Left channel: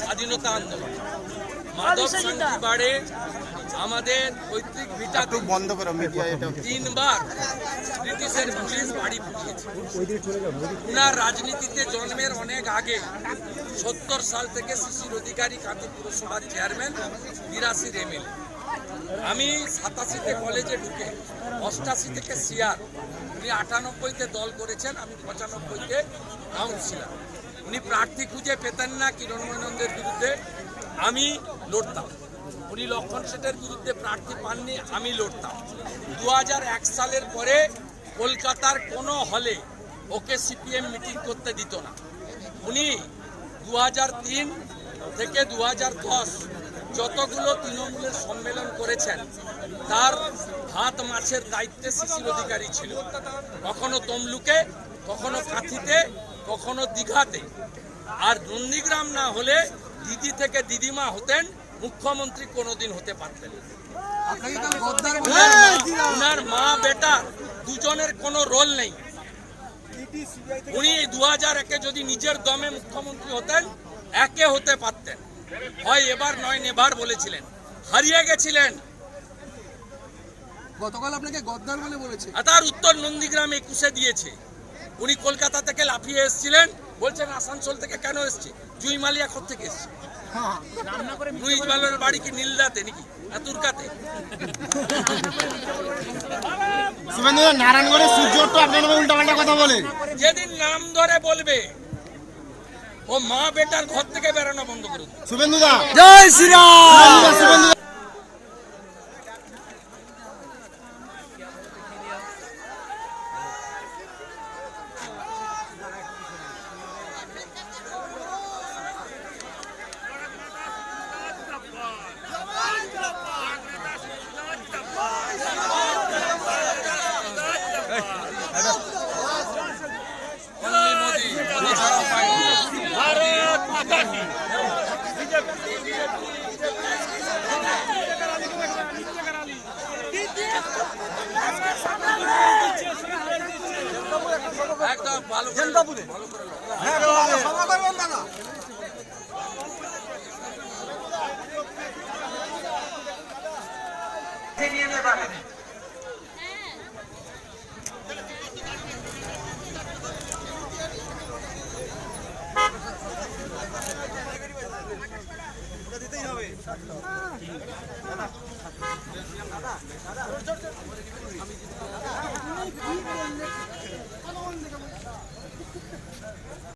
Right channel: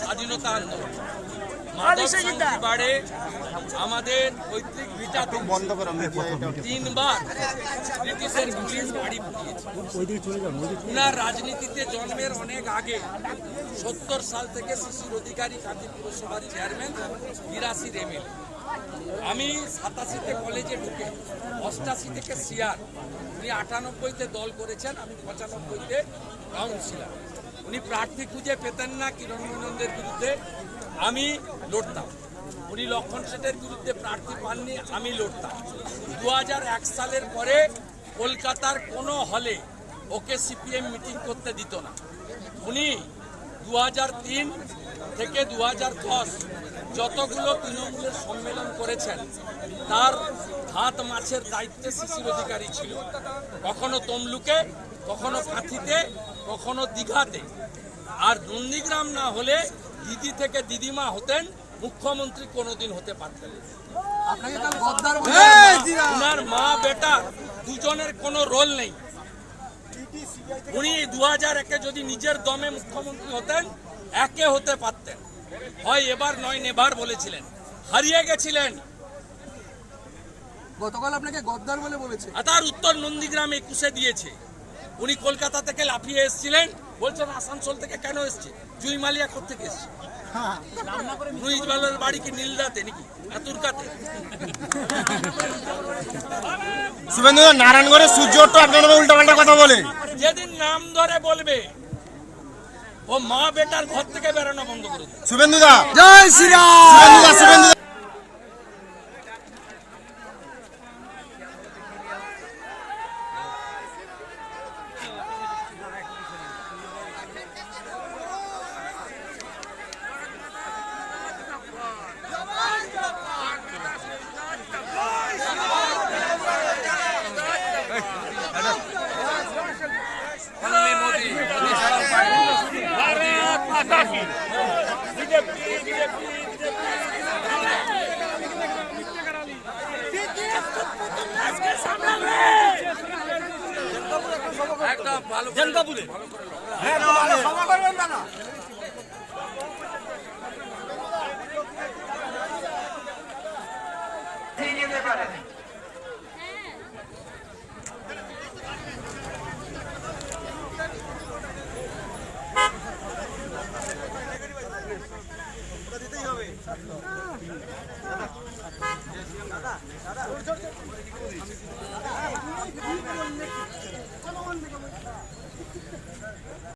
স্বাধীনতা আন্দোলন। মাধব শান্তি বাড়ে আমাদের পৈতৃক ভিটাতে বন্ধ করো তিনবার ব্রিটিশের পুলিশ বাড়ি ফুটিয়েছে উনার রাজনীতিতে জন্মের অনেক আগে সত্তর সাল থেকে শিশির অধিকারী কান্তি পুরসভার চেয়ারম্যান বিরাশির এমএলএ আমি সাতাশিতে কলেজে ঢুকে অষ্টাশি থেকে সিয়ার উনি আটানব্বইতে দল করেছেন আমি পঁচানব্বইতে কাউন্সিলর। উনি প্রার্থী খুঁজে পেতেন না কিরণমনন্দের বিরুদ্ধে, আমি লড়তাম। উনি লক্ষণ সেটের বিরুদ্ধে প্রার্থী পাননি, আমি লড়তাম। দু সালের পরে কলকাতার কোনো হলে ওকে সিপিএম মিটিং করতে দিত না। উনি দু হাজার তিন থেকে দু হাজার দশ যতগুলো তৃণমূলের সম্মেলন করেছেন, তার হাত মাছের দায়িত্বে শিশির অধিকারী ছিল। কখনো তমলুকে, কখনো কাঁথিতে কখনো দীঘাতে। আর নন্দীগ্রাম না হলে দিদি থেকে দিদিমা হতেন মুখ্যমন্ত্রী কোনোদিন হতে পারতেন। উনার মা- বেটা দুজনের কোনো রোল নেই। উনি দু হাজার একে যদি নিজের দমে মুখ্যমন্ত্রী হতেন একে হতে পারতেন। হয় এবার নয় নেবার বলেছিলেন। হারিয়ে গেছিলেন। গতকাল আপনাকে গদ্দার বলে বলেছে। আর তার উত্তর নন্দীগ্রাম একুশে দিয়েছে। উনি কলকাতা থেকে লাফিয়ে এসেছিলেন বলছেন আসানসোল থেকে কেন এসছে? জুইমালিয়া থেকে এসছে? রুইজবালের বাড়ি কি নীলদাতে নাকি? না তুরকাতে শুভেন্দু নারায়ণগড়ের সূর্য তো আপনার উল্টাপাল্টা কথা বলে যেদিন নাম ধরে বলবে ও মা বেটার ঘর থেকে বেরোনো বন্ধ করে শুভেন্দু দা জয় শ্রীরাম। শুভেন্দু বাকি একদম ভালো করে ভালো করে হ্যাঁ ভালো ক্ষমা করবেন দাদা। ছিনিয়ে নিয়ে পারেনি করতেই হবে। আমি